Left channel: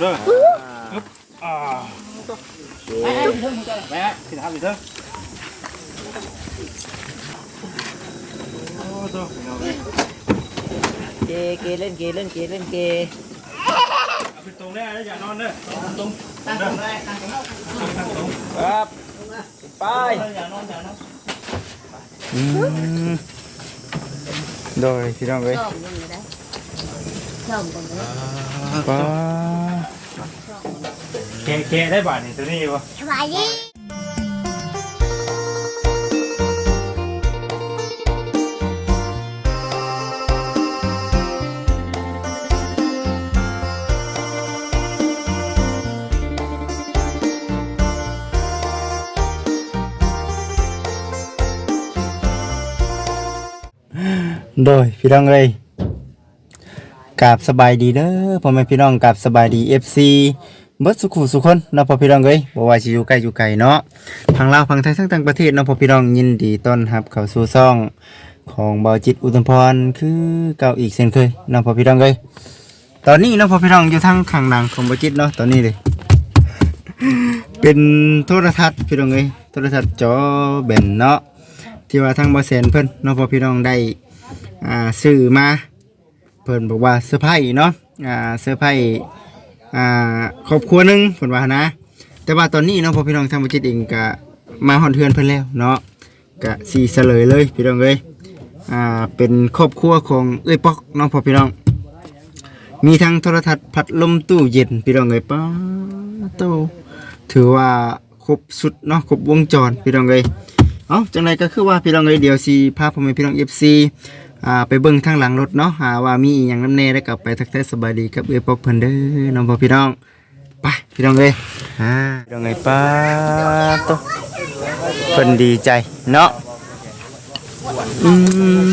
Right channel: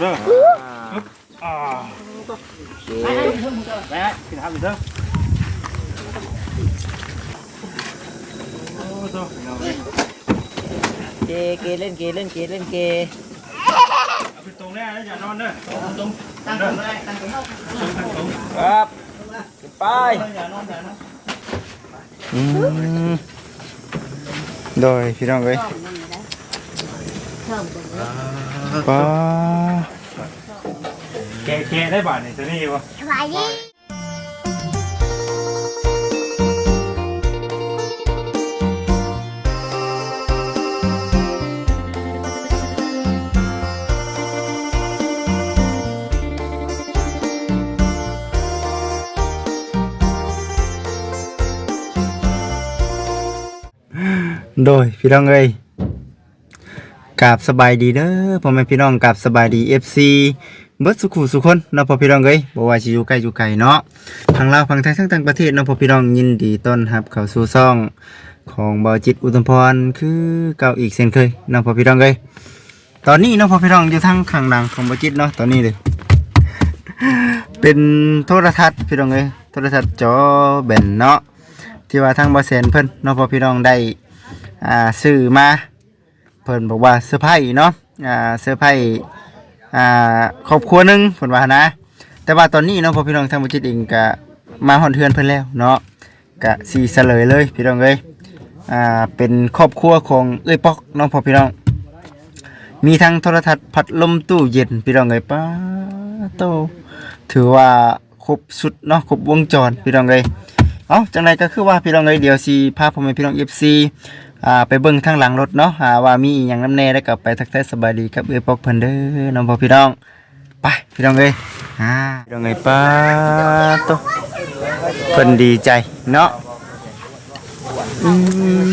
เด้อปึ๊บอ่าไปไปพี่เทิงไปไปพี่ทำพี่เทิงโอ้โหพี่น้องเอ้ยเกเกเล่นเกเล่นเกเล่นเกเอาไปตรงแน่นะอย่านอนเด้อตรงตั้งตรงได้ตั้งตรงตั้งตรงครับไปอย่านอนอย่านอนอืมโดยพี่น้องเอ้ย ป้าเคเคได้บาทนี่ตัวนี้วะสบายดีโดยพี่น้องเอ้ย กราบสบายดีเด้อพ่อแม่พี่น้องกราบสบายดี FC เบิดสุขุสุคนเนาะพ่อพี่น้องเอ้ยบ่ว่าสิอยู่ใกล้อยู่ไกลเนาะทางลาวทางไทยทั้งต่างประเทศเนาะพ่อพี่น้องยินดีต้อนรับเข้าสู่ซ่องของเบาจิตอุตมพรคือเก่าอีกเช่นเคยเนาะพ่อพี่น้องเอ้ยตอนนี้เนาะพ่อพี่น้องอยู่ทางข้างหลังของเบาจิตเนาะตอนนี้เลยเป็นโทรทัศน์พี่น้องเอ้ยโทรทัศน์จอแบนเนาะที่ว่าทางบาเซนเพิ่นเนาะพ่อพี่น้องได้อ่าซื้อมา พิ่นบอกว่าเซอร์ไพรส์เนาะอ่าเซอร์ไพรส์อ่าครอบครัวหนึงเพิ่นว่านะ แต่ว่าตอนนี้เนาะพอพี่น้องทางบาจิตเองก็มาฮอดเทือนเพิ่นแล้วเนาะก็สิเฉลยเลยพี่น้องเอ้ยอ่าเป็นครอบครัวของเอ้ยป๊อกเนาะพ่อพี่น้อง มีทั้งโทรทัศน์พัดลมตู้เย็นพี่น้องเอ้ยป้าโตถือว่าครบสุดเนาะครบวงจรพี่น้องเลยเอ้าจังไรก็คือว่าพี่น้องเลยเดี๋ยวสีพาพ่อแม่พี่น้องเอฟซีอ่าไปเบิ่งทางหลังรถเนาะหาว่ามีอหย่างน้ำแน่แล้วก็ไปทักทายสบายดีกับเอ้ยปอกเพิ่นเด้อน้องพ่อพี่น้องไปพี่น้องเลยอ่าพี่น้องเลยป้าโตเพิ่นดีใจเนาะอืม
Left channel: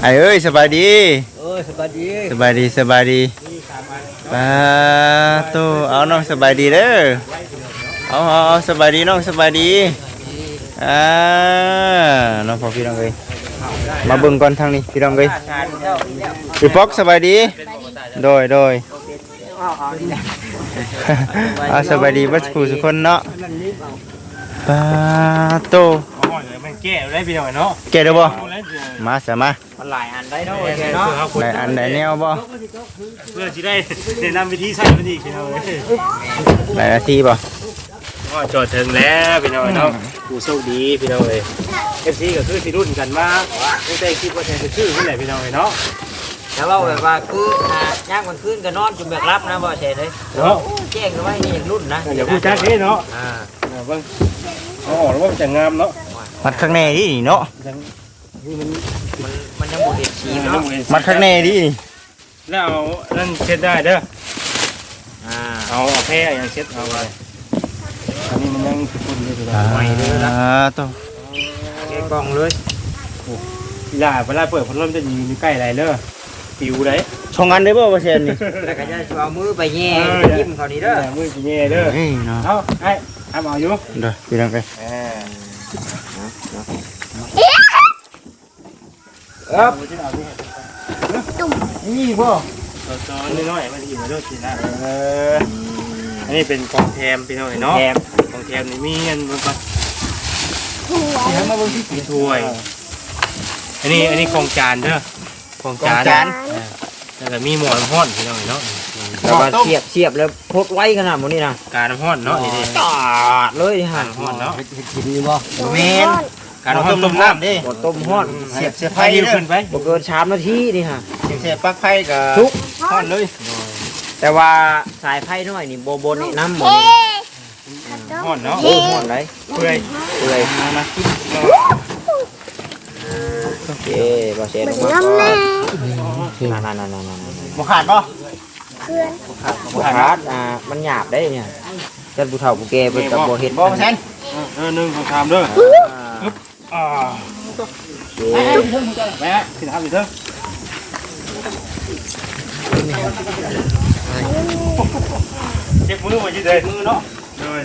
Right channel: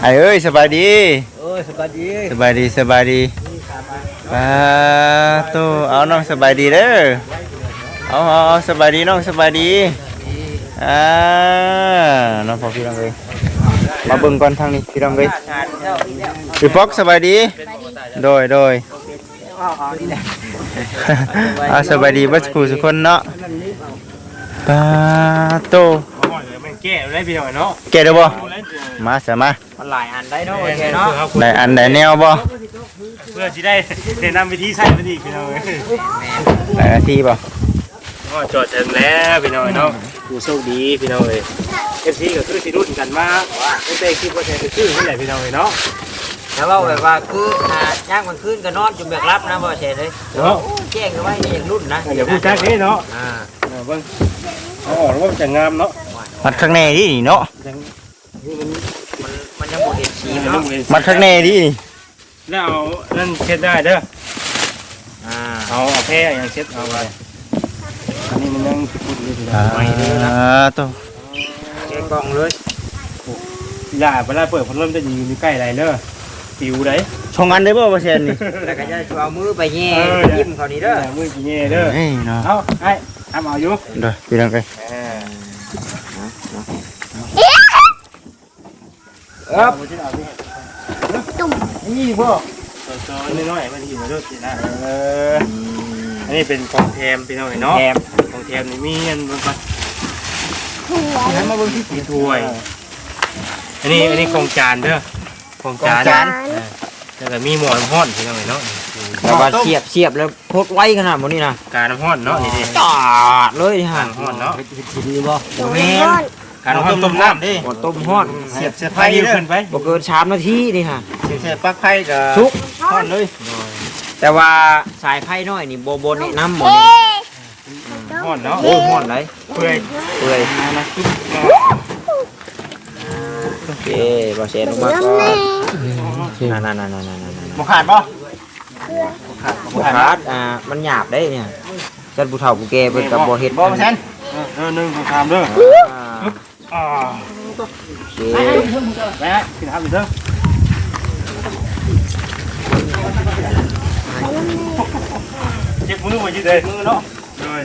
ไอ้เอ้ยสบายดีเอ้ยสบายดีสบายดีสบายดีป้าโตเอาน้องสบายดีเด้อเอาเอาเอาสบายดีน้องสบายดีอ่าน้องพอพี่น้องเลย มาเบิ่งก่อนทางนี้พี่น้องเลยพี่ป๊อกสบายดี โดยโดยอ่าสบายดีเบัสกูสุกคนเนาะตาโตเอาหน่อยเลยมันแก้ได้พี่น้องเนาะแกได้บ่ดูแล้วเดี๋ยวมาเสียมามันหลายอันได้ด้วเพื่ยอเนาะเอาไหนอันไหนแนวบ่เพื่อจะได้แนะนำวิธีใช้มันอีกพี่น้องเอ้ยไหนนาทีบ่ก็จอดถึงแล้วพี่น้องเนาะผู้โชคดีพี่น้องเลย เอฟซีก็คือสิรุ่นกันมาไม่ได้คิดว่าจะไปชื่อเมื่อไหร่พี่น้องเลยเนาะแล้วเราแบบว่าคืออ่าย่างมันขึ้นก็นอนจนแบบรับนะบ่ใช่เลยเนาะแจ้งว่านี่อย่างรุ่นนะอย่าพูดจ้าเด้เนาะอ่าเออเบิ่งเอาออกแล้วว่ามันจะงามเนาะมัดข้างในดิเนาะจังนี่มันมันมันยังบ่เห็นสีมันเนาะเลยมัดข้างในดิแล้วเอานั่นเช็ดได้เด้ออ่าเอาเอาแพร่อย่างเช็ดเอาไปอันนี้มันยังฝุ่นอยู่พี่น้องใหม่เลยนะตัวแกะกล่องเลยอย่าเวลาเปิดพัดลมจะอยู่ใกล้อะไรเด้อปิวเลยช่องอันได้บ่เปอร์เซ็นต์แล้วก็จะเอามือไปแย่เอออย่ายิ้มเขานี่เด้ออย่ามือกี่แง่เด้อเฮ้ยเนาะเอาไอ้ทำเอาอยู่เด้อพี่น้องเอ้ยครับนี่พ่อตอนน้อยๆมันอยู่ในรถสินะเอออันนี้เป็นของแถมพี่น้องเนาะของแถมนี่มีเงินบนก่ อนให้มาเบิ่งที่มีถ้วย อันนี้อันนี้ของจานเด้อของจาน อ่าแล้วก็มีหม้อน้ำร้อนพี่น้องเนาะแล้วก็เสียบเสียบแล้วพดไว้ขนาดนี้นะการน้ำร้อนเนาะนี่ดิจอดเลยนี่กาฮะรน้ำร้อนเนาะดีบ่แม่นการน้ำร้อนต้มน้ำดิบ่ต้มฮ้อนเสียบเสียบไฟไฟยิ้วเด้อขึ้นไปบ่เกิน3นาทีนี่ฮะเสียบปลั๊กไฟก็ทุก ทอดเลยแต่ว่าสายไพ่น้อยนี่โบโบนี่น้ำหมด ร้อนเนาะโอ้หมดเลยเปื่อยเลยโอเคบอเชนมาก่อนนั่นนั่นนั่นนั่นนั่นบ่ขาดบ่บุคารัอ่ามันหยาบได้เนี่ยจันบุเฒ่าบุแกเป็นกับบ่เห็ดบ่เปอร์เซ็นต์เออหนึ่งสองสามเด้ออ่าโอเคไปไปพี่ทำพี่เถอะเจ็บมือมาจีเด้มือเนาะเลยไปตุ๊บโอ้โหเอาเลยเกเกเล่นเกเล่นเกเล่นเกเอาไปขึ้นตรงแน่อย่านอนเด้อตรงตั้งตรงได้ตั้งตรงตั้งตรงครับไปอย่านอนอย่าน อน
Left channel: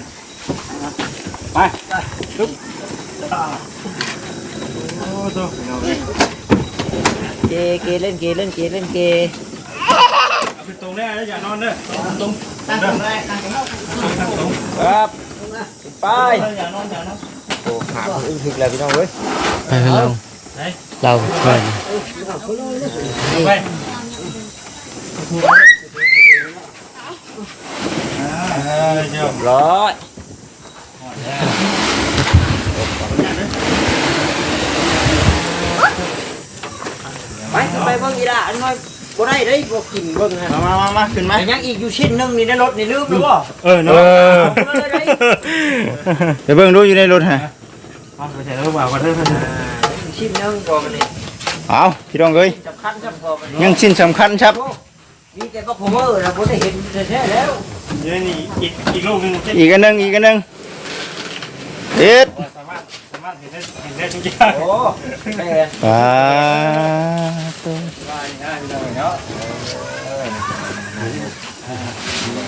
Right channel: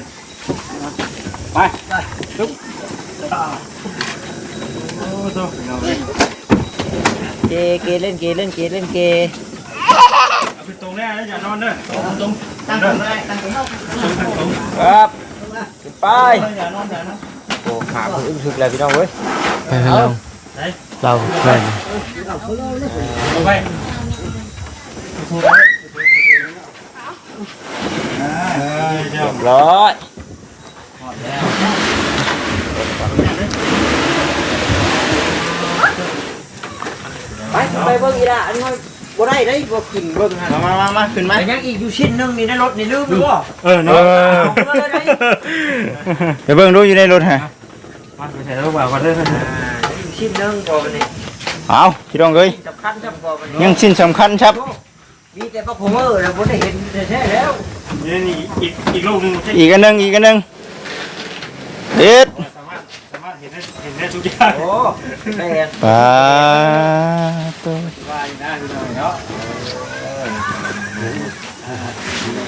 โอ้ขาอึ้งถึกเลยพี่น้องเว้ยไปให้เราไหนเราไปเอาไปเจ้า ร้อยหอดแล้วไปไปเบิ่งอีละอันน้อยบ่ได้เด้บ่กินเบิ่งฮะมามามาขึ้นมาแต่ยังอีกอยู่ชิ้นหนึงนี่ในรถนี่ลืมไปบ่เออเนาะเดี๋ยวเบิ่งดูอยู่ในรถฮะมาไปใส่แล้วบ่าวกันเด้ออยู่ชิ้นหนึงพอมันนี่เอาพี่น้องเอ้ยสำคัญครับพอมันยังชิ้นสำคัญครับมีแต่พระโคเวอร์นะบ่ได้เห็นแท้ๆแล้ว นี่นี่อีกอีกลูกนึงใช่อีกอันหนึงอีกอันหนึงเอ็ดสามารถสามารถเห็นได้เห็นได้ทุกอย่างโอ้แม่นปาตัวว่าดีนะพี่น้องเนาะ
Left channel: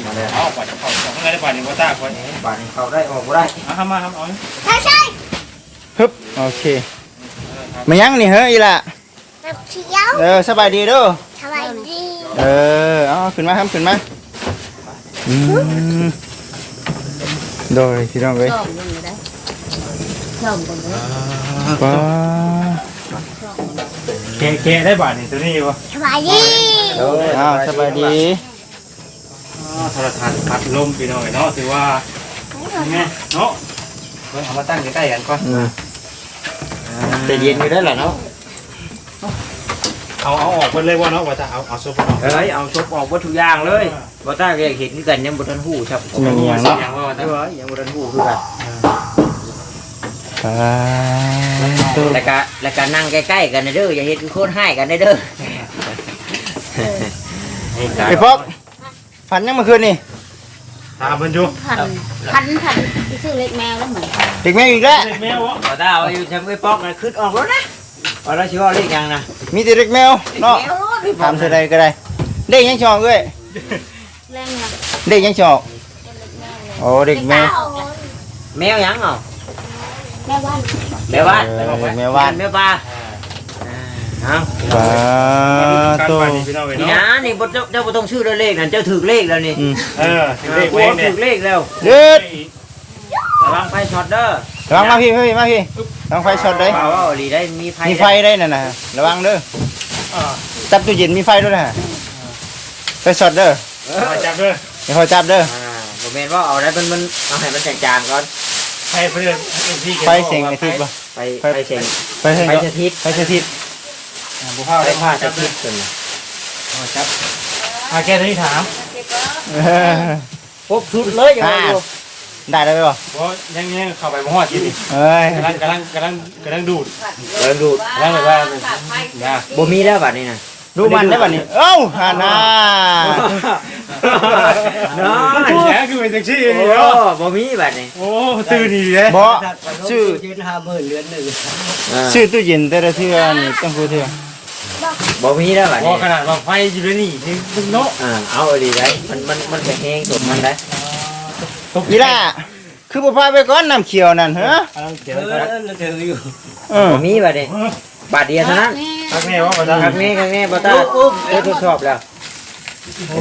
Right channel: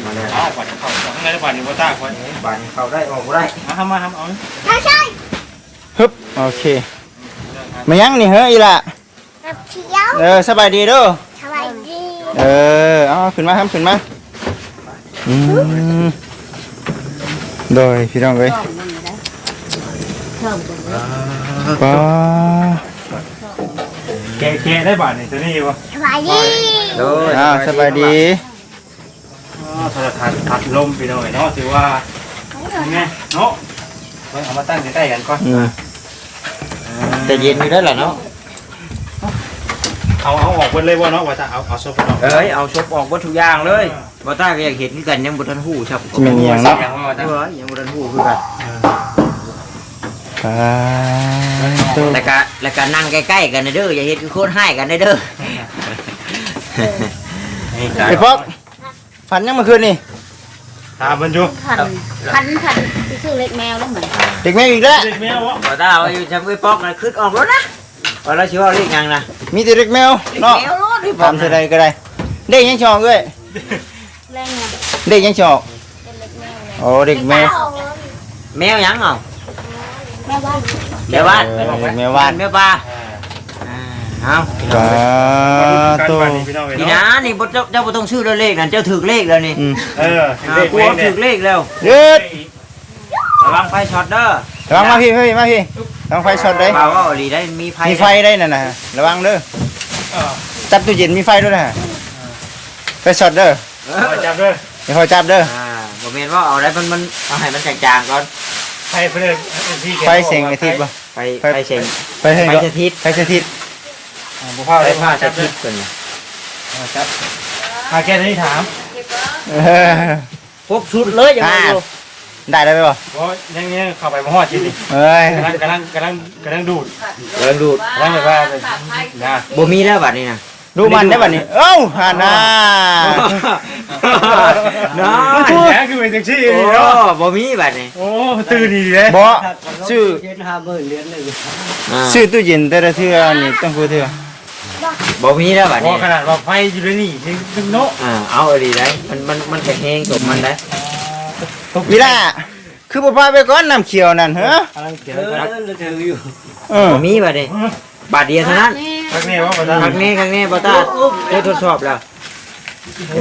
มาแล้วเอาปัดเข้าข้างในแล้วปัดนี่บ่ตาคนบานเข้าได้ออกบ่ได้มาทำมาทำเอาฮึบโอเคมายังนี่เฮ้ยอีละกับเขียวเออสบายดีเด้อสบายดี เออเอาขึ้นมาครับขึ้นมา อืมโดยพี่น้องเอ้ยป้าเกะเกะได้บาทนี่ตัวนี้วะสบายดีโดยอ้าวสบายดีโทรทัศน์พัดลมพี่น้องเนาะถือว่าไงเนาะเบิ่งเอามาตั้งใกล้ๆกันก่อนอืมจะเย็นอยู่ได้แหละเนาะ เอาเอาออกเพิ่นเลยบ่เนาะว่าจะเอาเอาโซฟาออกเอ้ยเอาชกออกบ่ทุกอย่างเลยบ่ตาก็อยากเห็นคือกันยังบ่ทันฮู้ครับจะเป็นอหย่างเนาะอย่างว่าเอจะอยังบ่ทันฮู้คือกันป้าตัวแล้วก็แล้วก็นั่งใกล้ๆกันนะเด้ออย่าเฮ็ดคือโคตรให้กันนะเด้อไอ้ปอกฝันยังเมื่อคืนนี่ตามมันอยู่พันพันพันที่ชื่อเล็กแมวแล้วเหมือนกันเด็กแม่อีกแล้ว เด็กแมววะบ่ตาว่าอยู่จำไว้ปอกนะขึ้นออกแล้วนะ ว่าแล้วสิว่าเลขหยังนะมีแต่เด็กแมวเนาะแมวรถที่ถามเท่าใดก็ได้เด็กยังชอกเอ้ยแรงเนี่ยเด็กยังชอกเป็นเล็กแมวเลยโอ้เด็กแมวแมวหยังเนาะแม่บ้านแมวบ้านเออแมวบ้านแมวบ้านอ่าเอาป้าการตัวปั่นนี่พี่น้องนี่เนาะนะนี่บ่เจ้าเจ้าบ่ต้องชื่อเลขนั่นเจ้าถูกเลขแล้วนี่อืมเออถึงเลขกูเว้งถูเนี่ยกเลขแล้วเด็ดระวังไฟช็อตเด้อระวังมาพี่เฮ้ยมาพี่ ระวังไฟช็อตได้ว่าว่าดีได้มีไฟมีไฟได้น่ะนะระวังเด้อเออจับตู้เย็นมีไฟด้วยนะไฟช็อตเด้อเอเอาอจับเด้ออย่าคอยจับเด้ออ่าบ่แม่นว่าเอาได้มันมันเอาให้มันจางๆก่อนไฟเพิ่นให้ที่ไฟเสียงกระทิบบ่ไฟไฟเชงไฟเสียงไฟก็สถิตไฟสถิตบ่พอไฟได้ผ้าพาสจับถิเด้อตเพิ่นเอาจับอาแกตัวนี้ถามเออครบชุดเลยอย่างอ่านั้น ได้ได้ไหมบ่ว่ายังยังเข้าไปบ่ฮอดที่นี่เอ้ยกำลังกำลังกำลังกำลังดูดเริ่มดูดกำลังแบบว่านะบ่มีแล้วบัดนี้นะดูมันได้บัดนี้ เอ้าฮานาน้อโอ้ยยแหคือเป็นจังซี่โอ้นี่เนาะบ่มีบัดนี้โอ้ตื่นนี่เลยบ่ชื่ออ่าชื่อตู้เย็นแต่ละเทื่อนี่ต้องพูดเทื่อบ่มีแล้วบัดพอนี้ขนาดว่าไฟอยู่ในนี่ถึงเนาะอ่าเอาเอาดีได้มันมันมันแห้งๆตกมันได้ อีล่าคือบ่พาไปก่อนน้ำเขียวนั่นเหรอกำเขียนกันเออมีบัดนี้บาทเดียวเท่านั้นทักแม่ว่าบ่ตาครั้งนี้ครั้งนี้บ่ตาได้ทดสอบแล้ว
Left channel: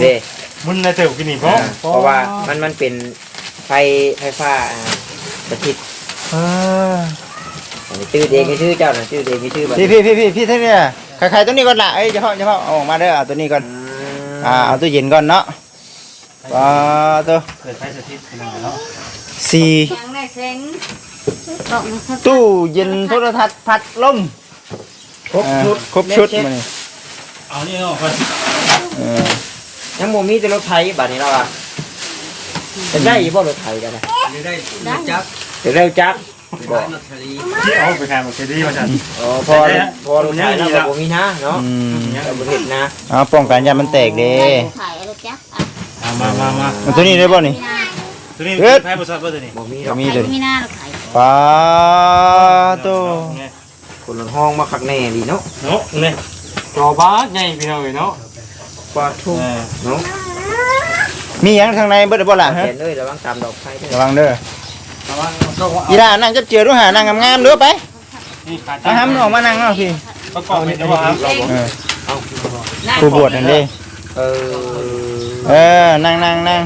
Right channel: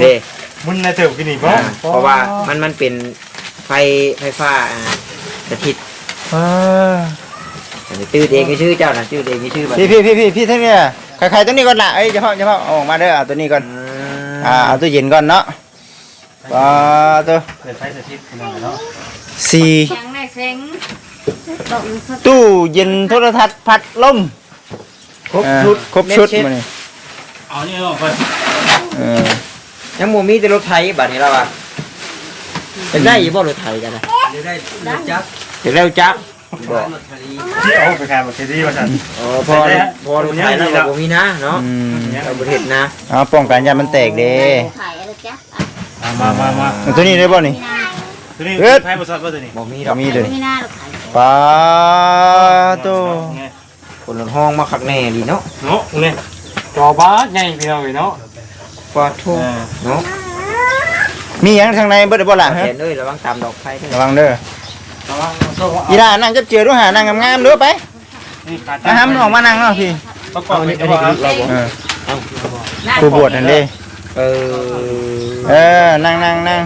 เด้มุนในเติบกินนี่บ่เพราะว่ามันมันเป็นไฟไฟฟ้าอาสถิตชื่อเองก็ชื่อเจ้าน่ะชื่อเองก็ชื่อพี่พี่พี่พี่พี่ทั้งนี้ใครๆตัวนี้ก่อนละเอ้ยเฉพาะเฉพาะอออกมาเด้อเอาตัวนี้ก่อนอ่าเอาตู้เย็นก่อนเนาะ อ่าตัวเปิดไฟสถิตพี่น้องเนาะสี่ยังได้เซ็งตู้เย็นโทรทัศน์พัดลมครบอ่าชุดครบชุดมานี่เอานี่ออกเพิ่นเออยังบ่มีแต่รถไถบัดนี้แล้วอะจะได้อีบ่รถไถกันนะจะได้จับที่เอาไปขายบ่เคยดีว่าซั่นอ๋อพอพอรถไถแล้วบ่มีนะเนาะอืม ยัง บ่เฮ็ดนะเอาป้องกันยามันแตกเด้ขายอะไรจ๊ะ เอามามามาเอาตัวนี้ได้บ่นี่ ตัวนี้เฮ็ดไฟบ่ซัดบ่ตัวนี้บ่มีดก็อกมีตัวนี้ไม่น่าเราขายปลาตัวคนละห้องมาคักแน่ดีเนาะเนาะนี่จอบาสใหญ่พี่น้องเนาะปลอดทุกเออเนาะมีหยังทางในเบิดได้บ่ล่ะฮะเห็นด้วยระวังตามดอกไฟด้วยระวังเด้อระวังก็ว่าอีหล่านั่งจับเจือดูหานั่งงามๆเด้อไปนี่ขามาหามนออกมานั่งเนาะพี่ประกอบเป็นจังหวะเออผู้บวชนั่นเด้เออ เออ นั่งนั่งนั่ง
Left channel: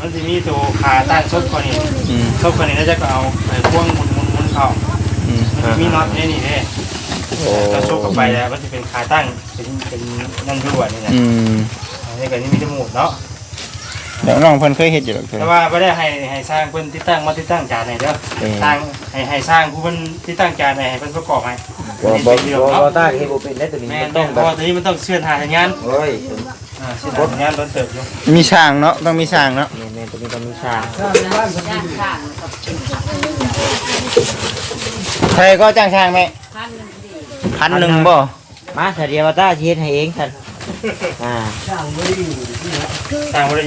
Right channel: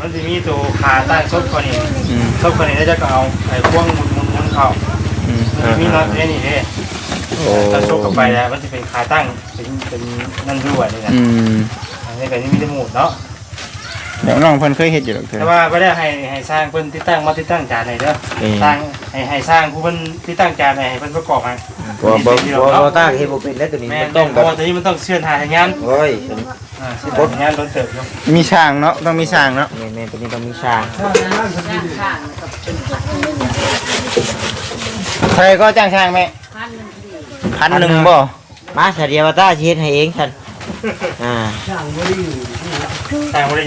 มันจะมีตัวขาตั้งซบก่อนนี่อืมซบก่อนนี่แล้วจะก็เอาไอ้พ่วงหมุนหมุนหมุนเข้าอืมมันจะมีน็อตเนี่ยนี่เด้ถ้าซบเข้าไปแล้วมันจะเป็นขาตั้งเป็นเป็นนั่นด้วยนี่นะอืมอันนี้ก็นี่มีจมูกเนาะ เดี๋ยวน้องเพิ่นเคยเฮ็ดอยู่หรอกเพิ่น แต่ว่าไม่ได้ให้ให้สร้างเพิ่นที่ตั้งมาที่ตั้งจานไหนเด้อเอ่อสร้างให้ให้สร้างผู้เพิ่นที่ตั้งจานไหนให้เพิ่นประกอบให้บ่บ่บ่บ่ตาเฮ็ดบ่เป็นได้ตัวนี้แม่มันต้ต้อองงเพแบราะบว่าตอนนี้มันต้องเชื่อทางสัญญาณโอ้ยอ่าเชื่อทางสัญญาณโดนเติบอยู่มีช่างเนาะต้องมีช่างเนาะแม่นๆตัวนี้ต้องมีชาย่างข้างกับเป็นใครก็จ้างช่างไหมพันหนึ่งดีพันหนึ่งบ่มาเสียเดียวตาสิเฮ็ดให้เองซั่น อ่าสร้างบ่ได้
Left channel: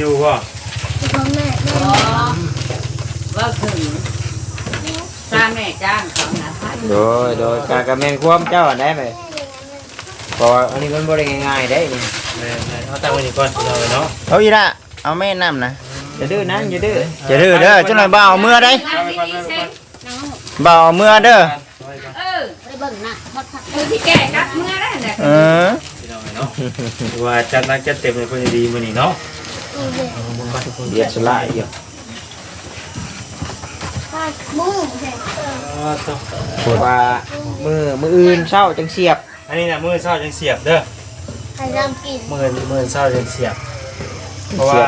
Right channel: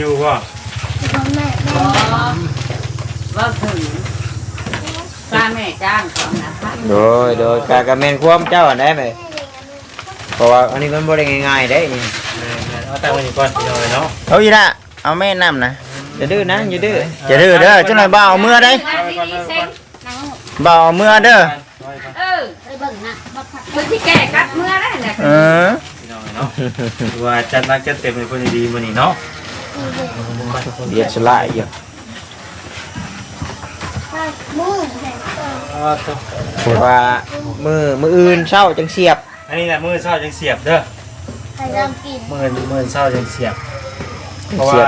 อยู่ก็อ๋อว่าถึงจ้างแม่จ้างของนะพันโดยโดยกากะแม่นความเจ้าอันได้ไหมเพราะว่าอันนี้มันบ่ได้ง่ายๆได้นี่แม่นๆเอาตั้งไว้นี่ก่อนเดี๋ยวเลยเนาะเอาอีละเอาแม่น้ำนะอย่าดื้อนะอย่าดื้ออย่าดื้อเด้อเจ้าหน่อยบ่าวเอาเมื่อได้เอาไปก่อนเอาไปก่อนบ่าวเอาเมื่อเด้อเอาไปก่อนเออไปเบิ่งนะบัดพักเบิ่งที่แก่กัดเมื่อแล้วเนี่ยเออพี่น้อง เนาะถือว่าจัดหนักจัดเต็มเลยคนดีๆมื้อนี้เนาะเรียกสลายอยู่อ่าตัวเพราะว่ามือมืออื่นเช้าจังเสียบอันนี้น่ะมื้อเช้าจังเสียบเด้อใครเริ่มกินมื้อมื้อเช้าจังเสียบ เพราะว่า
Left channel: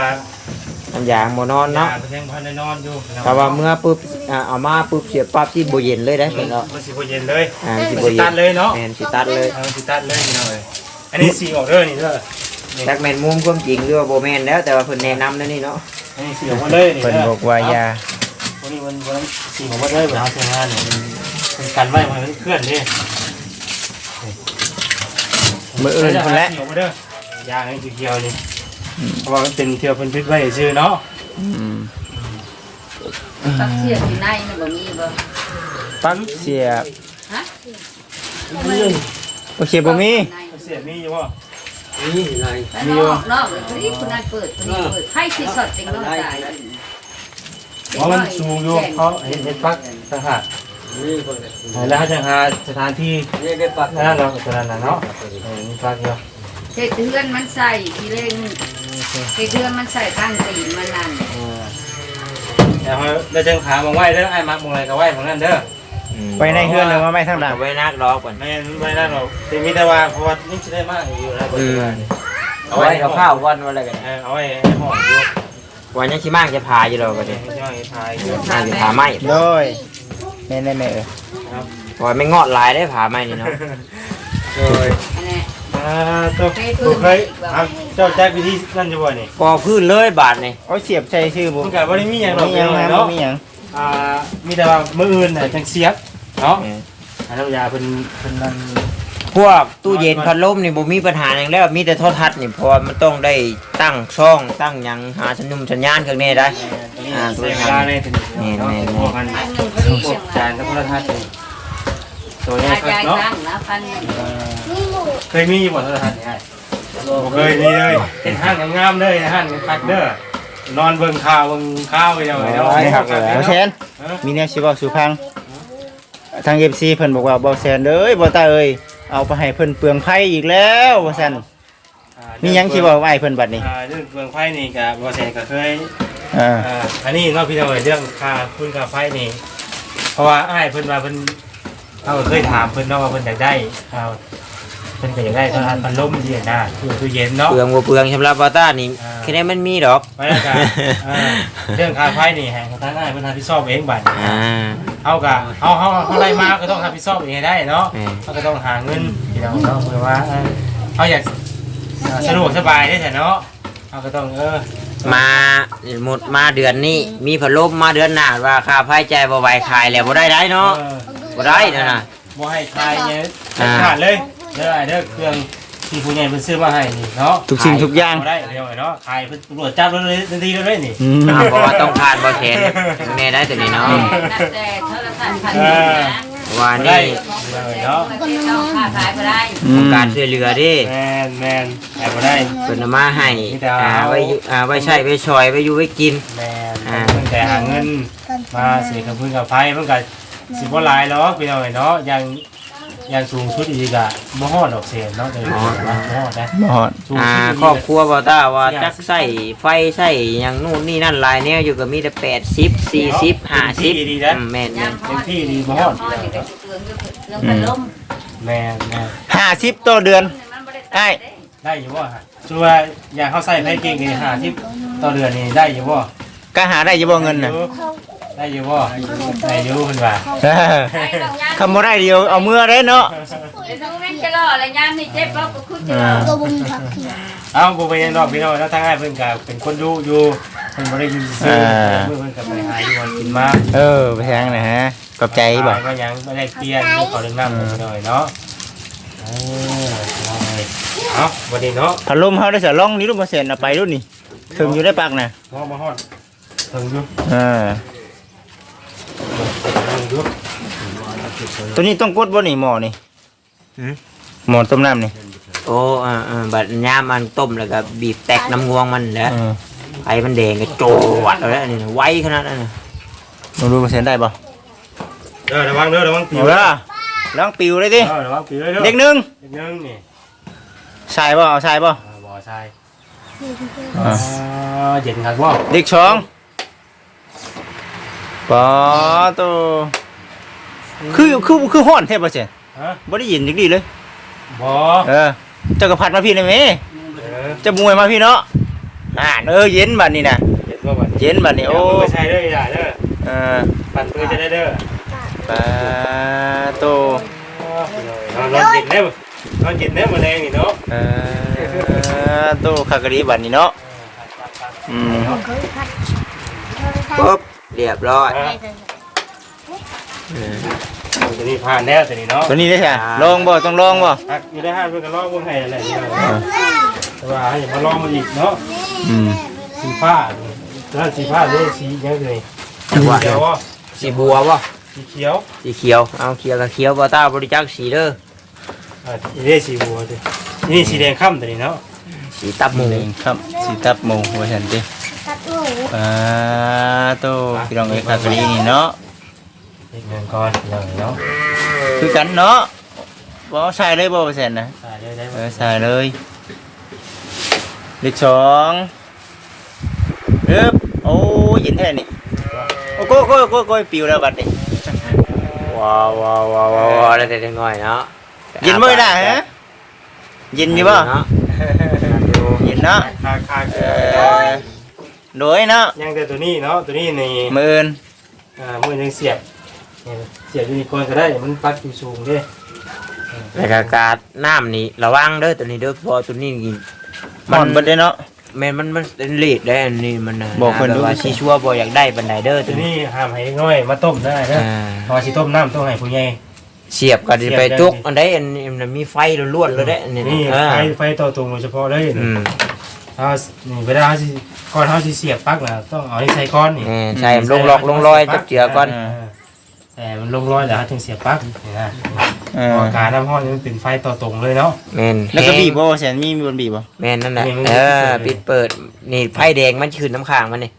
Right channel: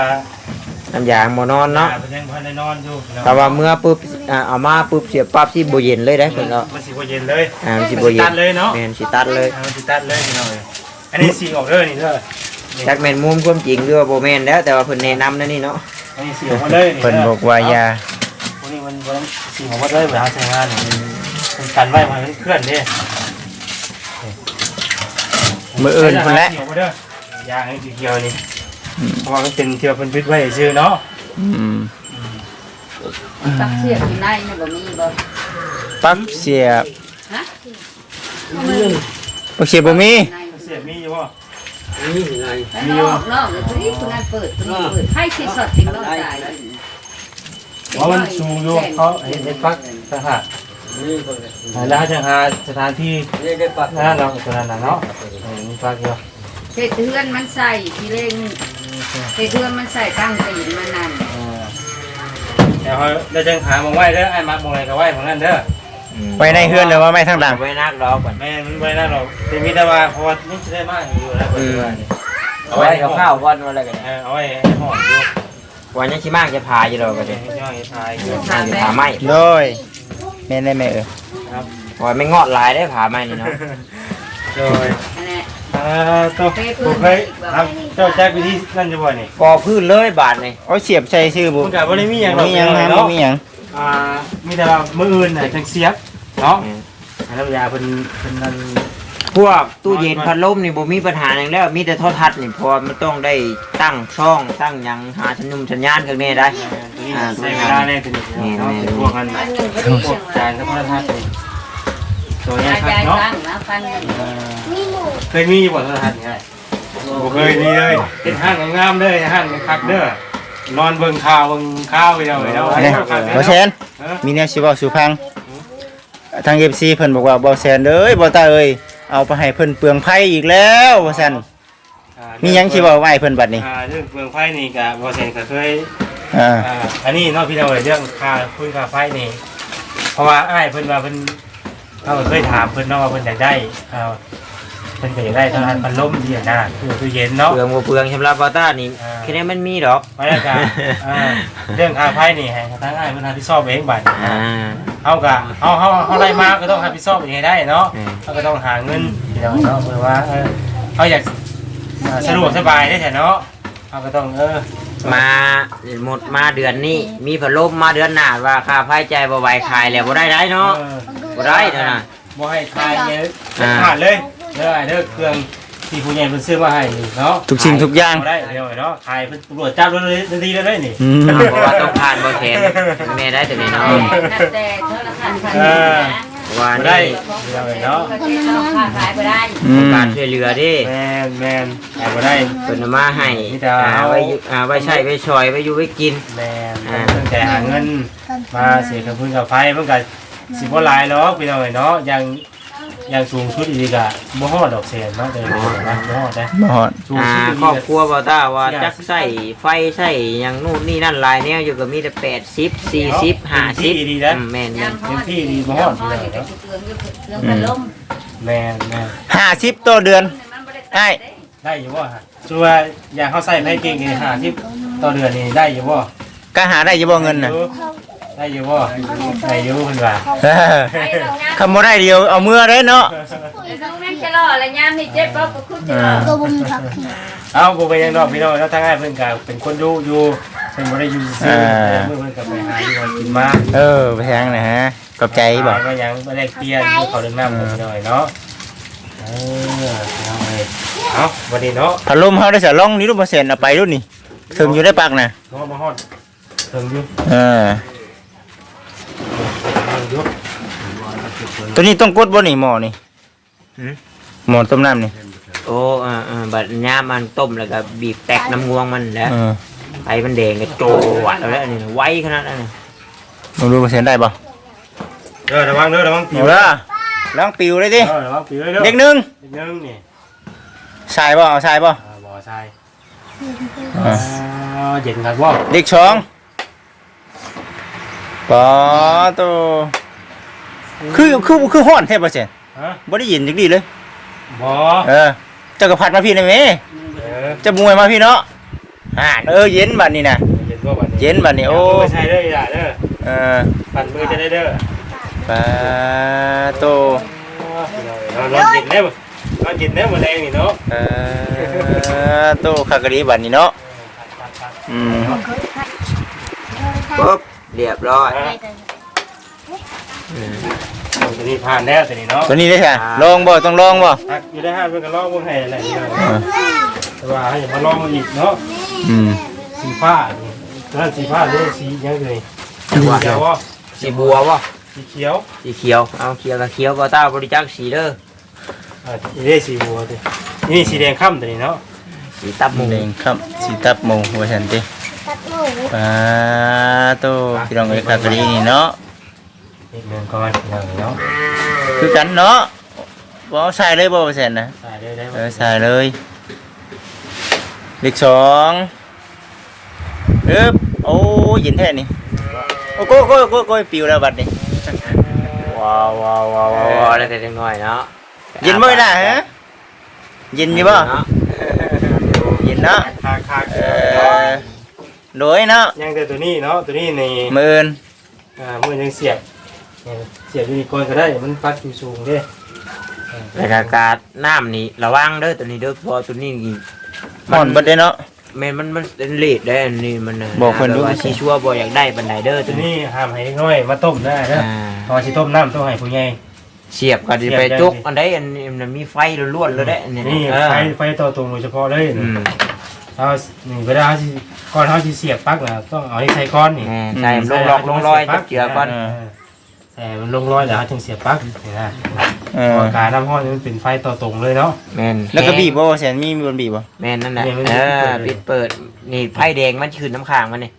น้ำยางบ่นอนเนาะเพิ่นยังบ่ทันได้นอนอยู่พี่น้องแต่ว่าเมื่อปุ๊บอ่าเอามาปุ๊บเสียบปั๊บที่บ่เย็นเลยได้เพิ่นเนาะมันสิบ่เย็นเลยอ่ามันสิมันบ่สิเย็ตันดเลยเนาะแม่นสิตัดเลยเอามันสิตัดเลยพี่น้องเอ้ย อันนี้สีออกเด้อนี่เด้อนี่จักแม่นมุมความจริงหรือว่าบ่แม่นแล้วแต่ว่าเพิ่นแนะนำนั่นนี่เนาะอันนี้สีออกมาเลยนี่เพิ่นเด้อบอกว่าอย่าพวกนี้มันมันสีออกมาเลยเวลาใช้งานนี่มันกันไว้มันเคลื่อนเด้มืออื่นพุ่นแหละสีออกมาเด้อยางไอ้เขียวๆนี่เพราะว่ามันเป็นเที่ยวเป็นพิษไว้ชื่อเนาะอืมตักเสียบอยู่ในนี่บ่มีบ่ปั๊บเสียบฮะโอเคบ่มีใน เสียมีอยู่บ่ไปนอกนอกเลยคนนี้คนนั้นเปิดคนนี้เปิดให้ที่สดจริงน้องตายเพราะมันสูงอยู่เขาเห็นเห็นปักทหารแล้วจะหาสถานที่นั่นเราตัวนั้นน่ะเนาะเออมีปักเดียวเฮ็ดเทือนมันใส่ทีเร่งเฮ็ดเทือนมันใส่ตั้งตีนมันนั่นเออเดี๋ยวเขาเราจะหามองไว้เด้อไอ้มักมองอะไรก็ไว้ของนั่นเด้อ ไปในเฮือนเลยว่าไม่ทางหลังไว้นักรอก่อนไม่มันไว้นั่นหรอกเป็นมิตรว่าเพราะว่านี่จะได้มากอยู่แล้วปัจจุบันเอาไว้เอาข้าววันวันอะไรกันเออเอาไว้ห่ออยู่วันนี้ชิมากจะพาอยู่ดอกก็เดี๋ได้ยวให้ย่อยพายอยู่พาจะพาไหมโดยแม่นได้แม่เออวันไม่งอดลายได้พาไหมนี่เนาะโดยอันนี้อ่าตัวตัวเคยครับเจ้าแจ็ควิธีนั่นจะบ่นี่พอพื้นเลยบาทนี่โอ้ยเสียบใส่ชื่อบุคุณแต่บ่ได้มีอย่างหรอกมีหยังเนาะเนาะมีหยังอ่ามีแต่ว่ามื้ออื่นน่ะจังเสียบ เนาะแล้วยาเพิ่นเพิ่นนั่นพวกตู้เย็นพัดลมนี่บ่มีปัญหาอย่างแล้วมีแต่โทรทัศน์นี่เพอมันต้องได้ตั้งช่องตั้งหยังหาสัญญุงสัญญาณข้างในได้ ตัวนี้ใช้เวลาเลยตัวนี้เนาะพวกกันพันหนึ่งพอดีพเชีวยกงจารานยและโทรทัศน์นี่ตัวนี้ยายครับยายเนาะตั้งนะพันหนึ่งเคยมีอยู่บ่โทรทัศน์นี่ให้บ่เคยมีเลยเฮ็ดห้างงามๆเด้อห้างคักเด้อนอนเบิ่งข่าวเบิ่งข่าวไปเดียวเนาะให้ข่าวคักบ่เนาะแซนเออมีแนวสิเว้าสู่ฟัง ทาง FC เพิ่นบอกว่าบ่แซนเด้อบ่ตาเอ้ยเอาไปให้เพิ่นเปลืองไผอีกแล้วว่าซั่นอ่ามีหยังสิเว้าไว้เพิ่นบัดนี้ อ่าเรื่องเปลืองไฟนี่ก็บ่แซนก็เคยอ่า อ่าอันนี้เนาะพี่น้อยเรื่องค่าคุณค่าไฟนี่ เพราะว่าอ้ายเพิ่นว่าเพิ่นเขาก็เคยถามเพิ่นเนาะว่าเพิ่นอยากได้เอา เพิ่นก็อยากได้โทรทัศน์พัดลมที่หน้าตู้ตู้เย็นเนาะ เปลืองบ่เปลืองสำหรับบาต้านี่อ่าแค่นี้มันมีดอกไว้แล้วกันอ่าเรื่องค่าไฟนี่ให้ทางอ้ายเพิ่นรับผิดชอบเองบัดนี้อ่า เฮาก็เฮาเฮาเฮาไล่มาก็ต้องรับผิดชอบเองให้ได้เนาะอืมเขาก็ต้องหาเงินพี่น้องเนาะเพื่อว่าเออเขาอยากเอ่อสะดวกสบายได้แต่เนาะเขาก็ต้องเออมาหมดมาเดือนนี้ มีพัดลมมาเดือนหน้าว่าค่าไฟจ่ายบ่ไหวขายแล้วบ่ได้ได้เนาะเออบ่ได้นะน่ะบ่ให้ทายเนี่ยเด็ดขาดเลย เด้อไอ้เด้อเครื่องที่ผู้ใหญ่เพิ่นซื้อมาให้นี่เนาะทุกสิ่งทุกอย่าง บ่ได้เดียวไอ้เนาะขายเพิ่นตำรวจจับเลยทันทีเลยนี่อืมเพราะว่าต้องผ่านบ่แข็งแม่ได้ตัวนี้เนาะนับแต่โทรศัพท์พันหนึ่งนะว่าบ่ได้นี่เดียวไอ้เนาะต้องค่าขายไปได้อืมการช่วยเหลือเดิแม่นแม่นขายบ่ได้ เพิ่นเอามาให้มีแต่อ่าเอาไว้อยู่อ่าไว้ใช้ไว้ช่วยไว้อยู่ไว้กิน แม่นเพิ่นแต่หาเงินมาเสียกับเพิ่นกับไฟเพิ่นก็สิบ่หลายหรอกพี่น้องไอ้เนาะอย่าง อย่างสูงสุดอีกอะบ่ฮอดดอกแสนเนาะเดี๋ยวนี้นะบ่ฮอดนะบ่ฮอดสูงอ่าสุดอีกครอบอะครัวบ่ต้าว่าจักใส่ไฟใส่หยังนู่นนี่นั่นหลายแนวอยู่ก็มีแต่80 40 50ดีนะอืมแม่นยามเขาเป็นที่ดีบ่ฮอดเลยเตืเนาะอนอยู่เตือนกันล้มแม่แม่ห้าสิบต่อเดือนไอ้ได้อยู่บ่ฮะส่วนว่าอย่างเขาใส่ไผเก่งนี่50ต่อเดือนนี่ได้อยู่บ่ก็หาได้อยู่บ่เงินน่ะ ได้อยู่บ่ได้อยู่เพิ่นว่าเออคำบ่ได้เดียวเอามือได้เนาะไอ้น้องนั่นจะรอแล้วยามนี่เจ็บเราก็ขึ้นจะรอตัวบุญผักเขียวเอาบ่ไปยังดอกพี่น้องแล้วทางให้เพิ่นก็เป็นคนดูอยู่เพิ่นบ่ได้อยู่ซื่อๆเพิ่นก็ไปหาอยู่วันกินมาเออไปทางนะฮะขอบใจบ่ก็ยังบ่ได้เปลี่ยนอยู่เขาเรื่องน้ำหน่อยเนาะเออเอาวันนี้เนาะพัดลมเฮาได้สะลองนี่รูปเปอร์เซ็นต์เอาไปรุ่นนี่ถึงอยู่ได้ปากน่ะงอมาฮอดเพิ่งอยู่เออเพิ่งอยู่ ตัวนี้ต้องกดบ่นี่หม้อนี่หม้อต้มน้ำนี่โอ้อ่าๆบัดยามมันต้มแล้วก็บีบแตกน้ำงวงมันแหล้วเออไอ้มันแดงก็โจวัดแล้วอันนี้ไวขนาดนั้นน่ะบ่รู้เปอร์เซ็นต์ได้บ่เด้อระวังเด้อระวังปิวเอาละลองปิวเลยดิเออระวังปิวเลยเด้อเด็กหนึงเด็กนึงนี่ใช่บ่เอาใช่บ่อ่าบ่ใช่อ่าอ่าเย็นครับบ่เด็กสอง ปอตัวคือคือคือฮ้อนแท้เปอร์เซ็นต์ฮะบ่ได้ยินจักดีเลยบ่เออเจ้าก็พัดมาพี่ได้ไหมเออเจะมวยมาพี่เนาะอ่านเออเย็นบัดนี้นะเย็นบ่บัดนี้เย็นบัดนี้โอ้ไม่ใช่เด้ออย่าเด้อเออปั่นมือจะได้เด้อปาโตนอนนอนเย็นแล้วนอนเย็นแล้วมื้อแรงนี่เนาะเออโตคากะดีบัดนี้เนาะอืมปุ๊บ เรียบร้อยตัวนี้ผ่านแล้วตัวนี้เนาะตัวนี้ได้ใช่ลองบ่ต้องลองบ่พักอยู่ได้ห้าเพื่อนก็ลองวงให้อะไรนี่เนาะแต่ว่าให้มาลองอีกเนาะอืมสีผ้านี่แล้วสีผ้านี่สียังไงสีเขียวอะสีบัวป่ะสีเขียวสีเขียวเอาเขียวกับเขียวบ่ต้าบริจาคสีเด้ออ่าอันนี้สีบัวดินี่สีแดงค่ำตัวนี้เนาะสีตับหมูนี่ครับสีตับหมูว่าซั่นติตัด หมูปาโตพี่น้องเอ้ยคากะดีนี่เนาะเห็ดเงินก่อนเลยเนาะคือกันเนาะบ่ใส่เลยบ่เปอร์เซ็นต์นะใส่ได้ได้เออใส่เลยเลขสองเอ๊บโอ้ยเย็นแท้นี่โอ้โก้โก้โก้โก้ปิวแล้วบัดนี้ว้าวว้าวว้าวว้าวอะไรแต่น้อยเนาะเย็นบ่ล่ะฮะเย็นอยู่บ่เนาะเย็นเนาะคาคาเออ โดยเนาะยังแต่ตัวนี้เนาะตัวนี้ในมืออื่นอ่ามือยังเสียบเสียบยูนิคอร์นก็ได้มันปัดอยู่สูงเด้แต่อากาศน้ำนี่ระวังเด้อตัวนี้เด้อเพอตัวนี้นี่ห่อนเบิดเด้เนาะ แม่นมันมันเป็นเลดได้อันนี้มันน่ะบอกเพิ่นดู ว่าสิชัวบ่อยากได้บันไดเด้อตัตัววนี้นี้ห้ามให้น้อยมาต้มได้นะอ่าพอสิต้มน้ำต้องให้ผู้ใหญ่ เสียบก็สิไปจุกอันใดอันนี้มันมีไฟล้วนๆเลยเด้ออันนี้นี่เออไฟไฟต่อตรงโดยเฉพาะเลยอืม เอานี่เวลาเขาสิก่อนเขาสิเสียบปลั๊กนะต้องเอานี่ใส่ก้อนนี่เออใช่ลงลอกลงรอยจับเจือก่อนแต่มันลงรอยแล้วเขาถึงเสียบปลั๊กนี่นะเอเพอราะการน้ำห้อนนี่มันเป็นไฟต่อตรงเลยเนาะ แม่นแล้วก็บีบบ่ว่าแสนมีมีบนบีบบ่ แม่นนั่นแหละเนี่ยมันเออปิปิดดเปิเปิดดนี่ไฟแดงมันขึ้นน้ำค้างมันนี่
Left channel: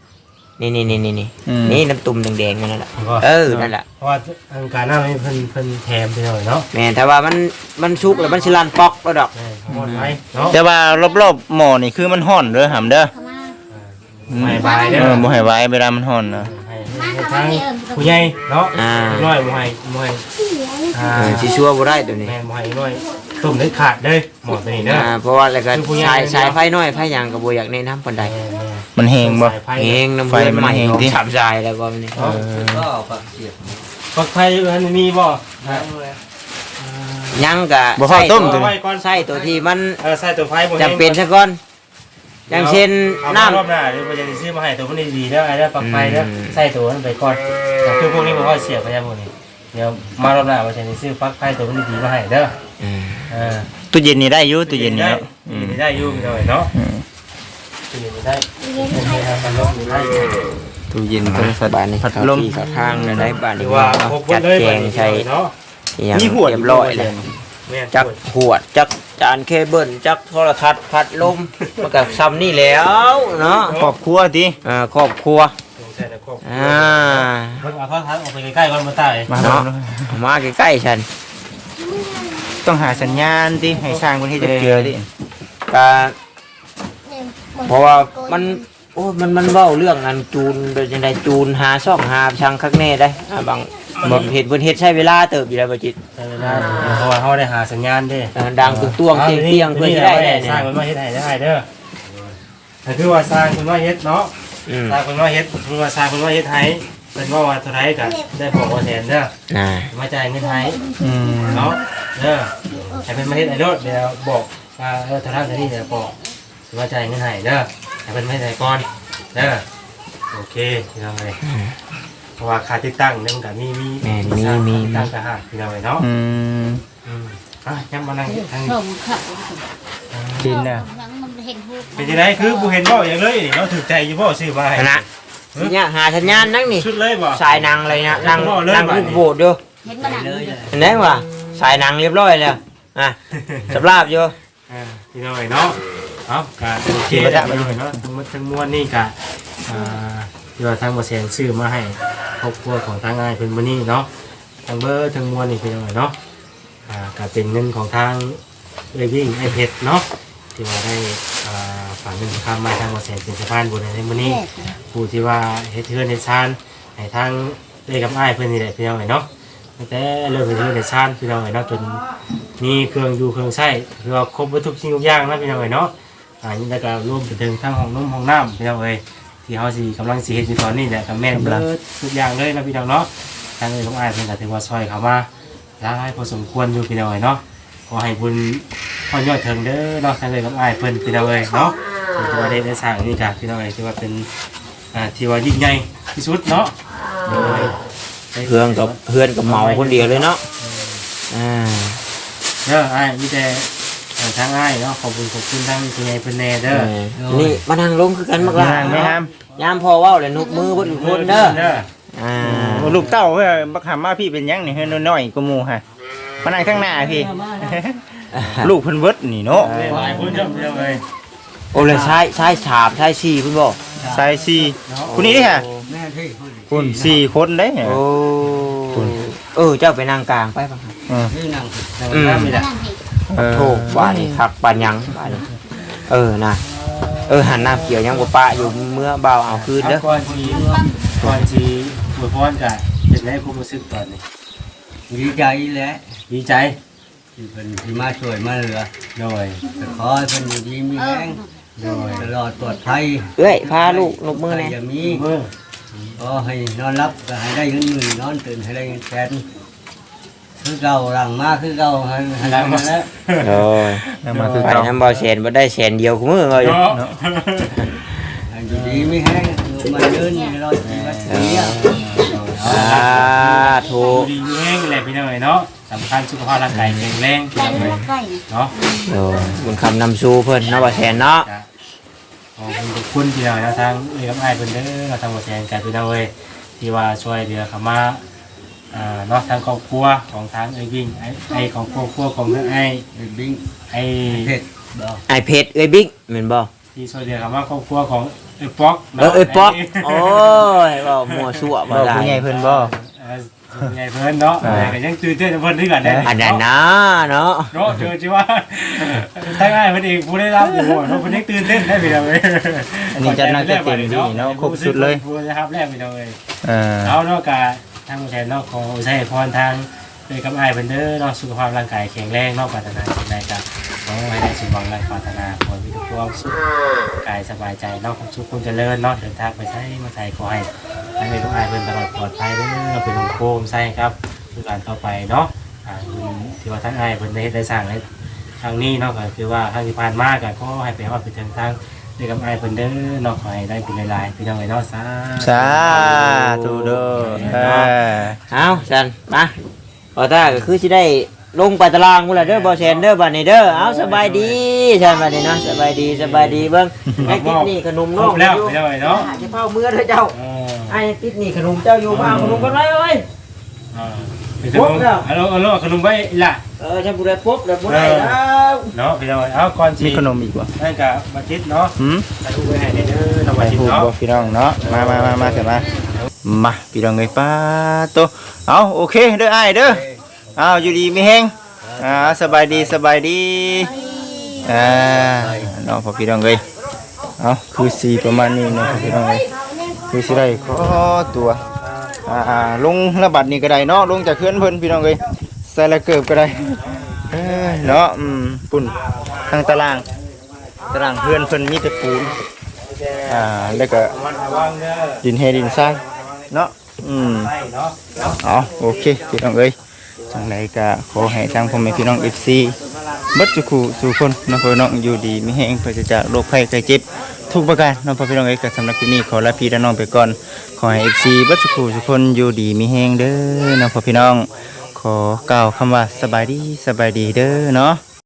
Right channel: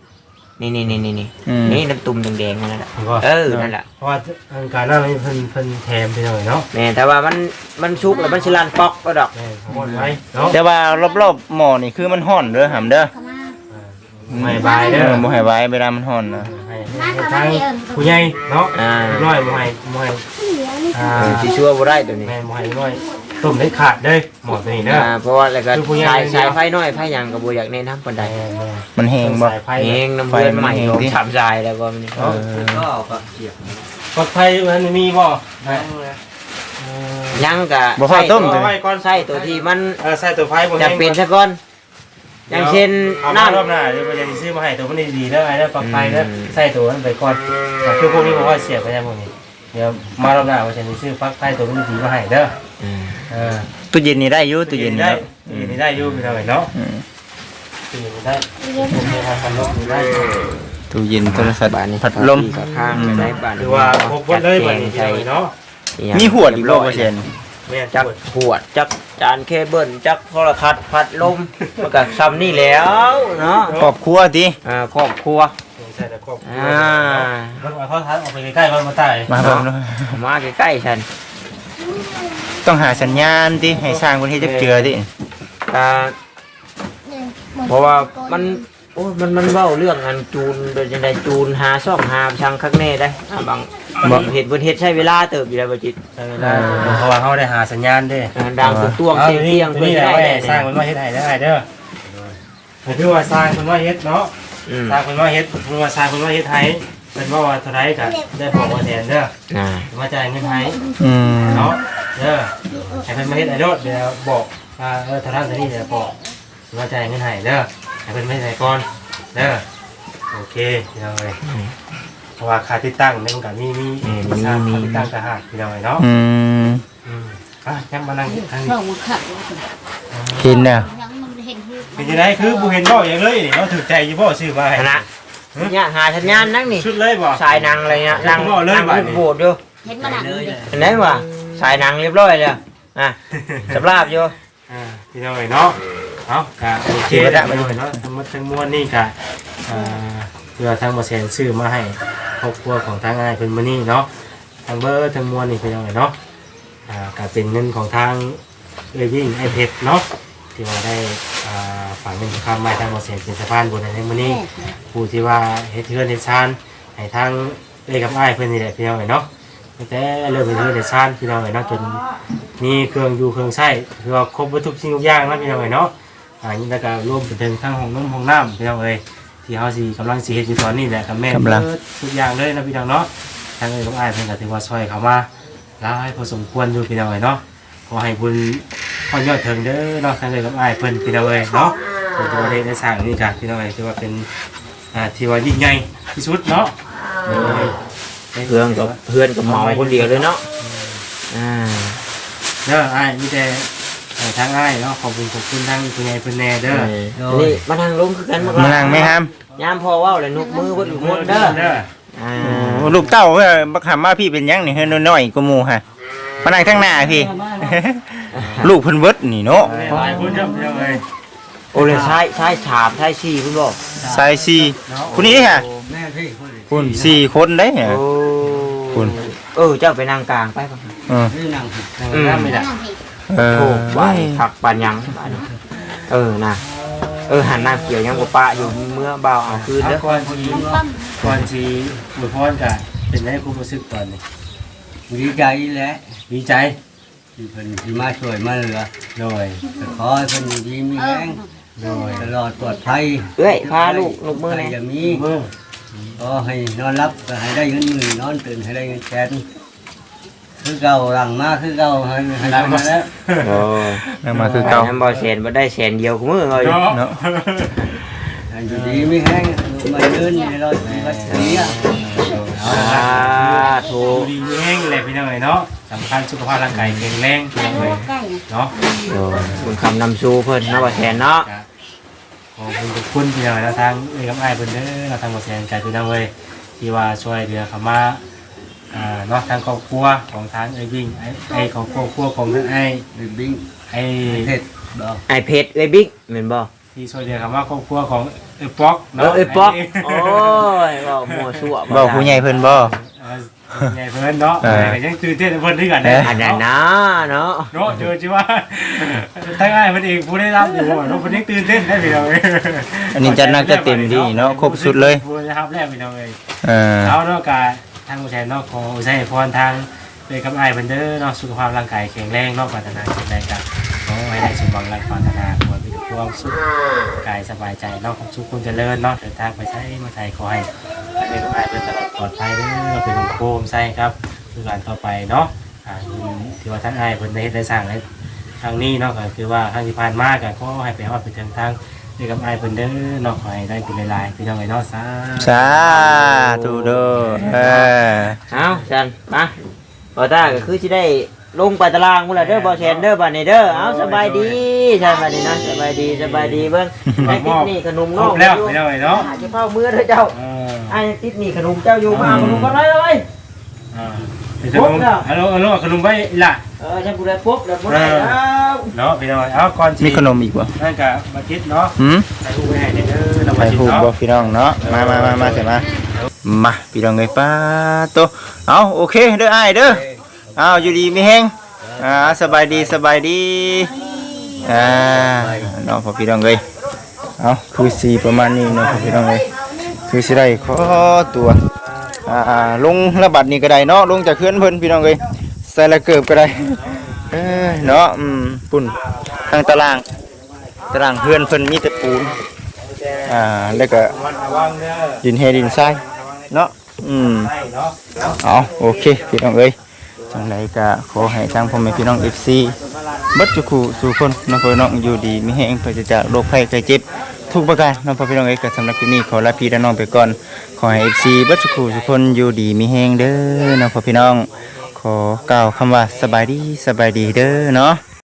นี่นี่นี่นี่นี่อืม นี่น้ำตุ่มแดงๆนั่นแหละเห็นป่ะเออนั่นแหละเพราะว่าอันการน้ำนี่เพิ่นเพิ่นแถมไปหน่อยเนาะแม่นแต่ว่ามันมันสุกแล้วมันสิลั่นปอกแล้วดอกแม่หมดไว้เนาะแต่ว่ารอบๆหม้อนี่คือมันห่อนเด้อหำเด้อไม่บายเด้เอออบ่ให้ไว้เวลามันห่อนนะให้ให้ทั้งผู้ใหญ่เนาะอ่าน้อยบ่ให้บ่ให้อ่าเออสิชัวบ่ได้ตัวนี้แม่บ่ให้น้อย ต้มได้ขาดเด้อหมดตัวนี้เด้ออ่าเพราะว่าอะไรก็คือผู้ใหญ่ สายเดียวสายไฟน้อยไฟหยังก็บ่อยากแนะนำปานใดแม่แม่มันแห้งบ่ สายไฟเองน้ำไฟเพื่อนมันใหม่แห้งดิ สามสายแล้วก็นี่เนาะก็ก็เสียบปักไฟมันมีบ่ได้ยังก็บ่ฟ้าต้ม เอาไว้ก่อนใส่ตัวที่มันเออใส่ตัวไฟบ่แห้จะงเป็นซะก่อน อย่างเช่นเอามารอบน้ำ หน้าเดี๋ยวมันจะซื้อมาให้ตัวมันดีๆเด้อไอ้เด้อปลักไฟเด้ออืม ใส่ตัวนั้นไปก่อนแต่คือพวกนี้ผมว่าเสียบไปแล้วพวกนี้ เดี๋ยวมารอบหน้าว่าจะซื้อปลั๊กไฟตัวมันดีๆมาให้เด้อ อืมเออตู้เย็นนี่ได้อยู่ตู้เย็นนี่ได้เนาะตู้เย็นนี่ได้อยู่พี่น้องเนาะอืมตู้เย็นนี่ได้ผมเคยทำพัดลมนี่ได้อยู่ตู้เย็นโทรศัพท์บ้านนี้พัดลมเข้าข้างเลยได้บ้านถือว่าครบหมดเลยบัดนี้ใช่ใช่เนาะมีหวดอีกบ่ว่าแสนแม่นจักปวดขวดจักจานเคเบิลจักโทรทัศน์พัดลมมันก็ซ้ำนี่แล้วเนาะครอบครัวติอ่าครอบครัวใช่แต่ครบอ่าเพิ่งเอาเข้าทัดออกไปใกล้ๆก่อนมาตายมาเบิ่งดูมาใกล้ๆฉัน ต้องหาสัญญาณที่ให้สร้างคนให้จักเจือดิก็เพราะว่ามันโอ้มันมันเว้าเรื่องอันจูนเป็นจังไดจูนหาซ่องหาช่างคักแน่ได้อ่าบางบางเห็นเพิ่นเฮ็ดใช้เวลาเติบอยู่แล้วบ่จิตใช่เวลาเพราะว่าเขาได้หาสัญญาณเด้เออดังตุ้ตวงเตียงเตียงเพิ่นนี่ได้ได้ได้สร้างมันว่าเฮ็ดให้ได้เด้อก็คือว่าสร้างมันว่าเฮ็ดเนาะอืมสร้างมันว่าเฮ็ดมันว่าสร้างมันว่าเฮ็ดให้ เป็นว่าว่าเท่าไรก็ได้บอกว่าแทนเด้ออ่ามาจ่ายเงินให้อืมเนาะเด้อให้เพิ่นมาเฮ็ดไอ้โดดเดี๋ยวบอกว่าเออเท่านั้นเท่านี้เดี๋ยวบอกมาจ่ายเงินให้เด้อให้เพิ่นมาเฮ็ดให้ก่อนเด้อโอเคพี่น้องเอ้ยเพราะว่าค่าติดตั้งเนี่ยมันก็มีมีมีค่าติดตั้งก็หาพี่น้องเอ้ยเนาะอืมอืมอะยังมานั่งทางนี้เพิ่มมันขัดกินน่ะยังมันเห็นหูเป็นจังไดคือบ่เห็นบ่อย่างเลยนี่เราถือใจอยู่บ่ซื้อมาให้คณะ เนี่ยหาสัญญาณนั่งนี่ชุดเลยบ่สายนางอะไรเนี่ยนางเรียบร้อยเลยนางว่ะอุดโบดอยู่เห็นมันหนังเลยเห็นไหมวะสายนางเรียบร้อยแล้วอะสำราบอยู่อ่าพี่น้องเอ้ยเนาะเอากะโอเคแล้วพี่น้องเอ้ยเนาะทั้งหมดทั้งมวลนี่กะอ่าเดี๋ยวทางบ่แสนซื้อมาให้ครอบครัวของทางอ้ายเพิ่นมื้อนี้เนาะทางเบอร์ทั้งมวลนี่พี่น้องเอ้ยเนาะอ่าก็เป็นเงินของทางเอ้ยยิ่งไอ้เพชรเนาะ ที่ว่าได้อ่าฝากเงินคำมาทางบ่แสนเป็นสะพานบุญในมื้อนี้ ผู้ที่ว่าเฮ็ดเทือนเฮ็ดชานให้ทางเอ้ยกับอ้ายเพิ่นนี่แหละพี่น้องเอ้ยเนาะตั้งแต่เริ่มเฮ็ดเทือนเฮ็ดชานพี่น้องเอ้ยเนาะจนมีเครื่องอยู่เครื่องใช้คือว่าครบหมดทุกสิ่งทุกอย่างเนาะพี่น้องเอ้ยเนาะอ่านี่แล้วก็รวมไปถึงทั้งห้องน้ำห้องน้ำพี่น้องเอ้ยที่เฮาสิกำลังสิเฮ็ดอยู่ตอนนี้แหละกับแม่นเบิดทุกอย่างเลยนะพี่น้องเนาะทางเอ้ยกับอ้ายเพิ่นก็ถือว่าช่วยเขามาหลายพอสมควรอยู่พี่น้องเอ้ยเนาะขอให้บุญ พอยอดถึงเด้อเนาะทางเอ้ยกับอ้ายเพิ่นพี่น้องเอ้ยเนาะถือว่าได้ได้สร้างนี่ก็พี่น้องเอ้ยถือว่าเป็นอ่าที่ว่ายิ่งใหญ่ที่สุดเนาะเพื่อนกับเพื่อนกับเมาคนเดียวเลยเนาะอ่าเด้ออ้ายมีแต่ให้ทางอ้ายเนาะขอบคุณขอบคุณทางคุณยายเพิ่นแน่เด้อนี่มานั่งลงคือกันมาไม่ห้ามไม่ห้ามยามพอเว้าเลยนุกมือคนคนเด้อเด้ออ่าโอ้ลูกเต้าเอ้ยบักหามาพี่เป็นหยังนี่เฮ้ยน้อยๆกว่าหมู่ฮะมานั่งข้างหน้าพี่ ลูกเพิ่นเบิดนี่เนาะหลายคนเด้อเด้อเลยโอ้เลยใช้ใช้ถามใช้ชี้คุณบอกสายสี่คนนี้ค่ะคุณสี่คนได้เหรอโอ้คุณ เออเจ้าไปนั่งกลางไปป่ะเอออืมไม่ได้นั่งเห็นเออโถูกว่าขักปันยังเออนะเออหันหน้าเกี่ยวยังบ่ปะอยู่เมื่อเบาเอาคืนเอาเด้อก่อนสิก่อนสิอวยพรก็เป็นได้ความรู้สึกตอนนี้ดีใจแหละดีใจ ที่เพิ่นที่มาช่วยมาเหลือโดยก็ขอให้เพิ่นอยู่ดีมีแรงโดยตลอดปลอดภัยเอ้ยพาลูกนกมือใครเลยจะมีเบิ่งก็ให้นอนรับก็ให้ได้เงินหมื่นนอนตื่นให้ได้เงินแสนคือเก่าหลังมาคือเก่าให้ให้ได้มาแล้วโอ้ยแล้วมาคือไปเก่า น้ำเบาแสนบ่ได้แสนเดียวกูมือเลยเนาะเนาะให้อยู่ดีมีแห้งลูกมาเดินในรอยชีวิตนี้สาธุดูดีแห้งเลยพี่น้องเนาะ สำคัญสุขภาพร่างกายแข็งแรงพี่ใกล้น้องใกล้นะเนาะโอ้ยเป็นคำนำสู่เพิ่นเนาะเบาแสนเนาะขอบคุณทุกคนที่เราแล้วทางเอ้ยกับไอ้ายเพิ่นเด้อเราทางหมดแทนใจพี่น้องเอ้ยที่ว่าช่วยเหลือเขามาอ่าเนาะทางครอบครัวของทางเอ้ยวิ่งไอ้ไอ้ของครอบครัวของทางไอ้ไอ้บิ้งไอ้เผ็ดบ่ไอเพชรเอ้ยบิ๊กเหมือนบ่ที่ช่วยเหลือเขามาครอบครัวของเอ้ยป๊อกเอเนาะอเอ้ยป๊อกโอ้ยบ่มั่วซั่วบอกผู้ใหญ่เพิ่นบ่เออ ไงเพิ่นเนาะเออแต่ก็ยังตื่นเต้นกับเพิ่นด้วยกันเด้อันนั้นนะเนาะเนาะเจอจิว่าทางไอ้ายเพิ่นเองผู้ได้รับอยู่เนาะเพิ่นยังตื่นเต้นได้พี่น้องเอ้ยอันนี้จัดหนักจัดเต็มดีเนาะครบสุดเลย ผู้ได้รับแรกพี่น้องเอ้ย เออ เอาเนาะกาทางผู้ชายเนาะขออุทัยพรทาง เลยกับไอ้ายเพิ่นเด้อเนาะสุขภาพร่างกายแข็งแรงเนาะปรารถนาสิ่งใดก็ขอให้ได้สมหวังและปรารถนาขอให้มีแต่ความสุขกายสบายใจเนาะความสุขคุณเจริญเนาะเดินทางไปใช้มาใส่ขอให้ทางเลยกับไอ้ายเพิ่นตลอดปลอดภัยเด้อเป็นโคมใส่ครับคือการต่อไปเนาะอ่าที่ว่าท่านไอ้ายเพิ่นได้ได้สร้างให้ทางนี้เนาะก็คือว่าทางที่ผ่านมาก็ขอให้ไปฮอดไปถึงทางเลยกับไอ้ายเพิ่นเด้อเนาะขอให้ได้คุณหลายๆพี่น้องไอ้เนาะสาธุสาธุเด้อเออ เอาจันมา บ่ตาก็คือสิได้ลงไปตารางพุ่นล่ะเด้อบ่แสนเด้อบัดนี้เด้อเอาสบายดีใช่บัดนี้เนาะสบายดีสบายดีเบิ่งไอ้ติดนี่ขนมครน้องบแล้วพี่น้องไอ้เนาะจะเข้ามือเด้อเจ้าเออไอ้ยังติดนี่ขนมเจ้าอยู่มาขนมกันไว้เลยอ่าเป็นขนมเอาเอาเอาขนมไว้ล่ะ เออจะบุได้ปุ๊บแล้วบ่ได้แล้วเนาะพี่น้องเอาก่อนมีที่ขนมอีกบ่นั่นก็มาคิดเนาะหืมถ่ายรูปไว้ให้เด้อน้ำไปมาคิดถูกเนาะ บ่พี่น้องเนาะ มามามามาเสร็จมา มาพี่น้องเอ้ยป้าโต เอาโอเคเด้ออ้ายเด้อเอาอยู่ดีมีแฮงอ่าสบายดีสบายดีอ่าเนาะพ่อพี่น้องเอ้ยเอาคือสีประมาณนี้เนาะพ่อพี่น้องเอ้ยคือสิได้ขอตัวอ่าอ่าลงระบัดนี่ก็ได้เนาะลงจากเคลื่อนเพิ่นพี่น้องเอ้ยใส่ละเกิบก็ได้เอ้ยเนาะอืมปุ่นทางตารางตารางเพื่อนเพิ่นมีแต่ปูนอ่าแล้วก็ระวังเด้อดินเฮดินทรายเนาะ อืมเอาโอเคพี่น้องเอ้ยจังไรก็ขอให้ทางพ่อแม่พี่น้อง FC บัดจุคูสู่คนน้องพ่อน้องอยู่ดีมีแห้งปราศจากโรคภัยไข้เจ็บทุกประการน้องพ่อพี่น้องเอ้ยก็สำหรับที่นี้ขอลาพี่และน้องไปก่อน ขอให้ FC บัดจุคูสู่คนอยู่ดีมีแห้งเด้อน้องพ่อพี่น้อง ขอกล่าวคำว่าสบายดีสบายดีเด้อเนาะ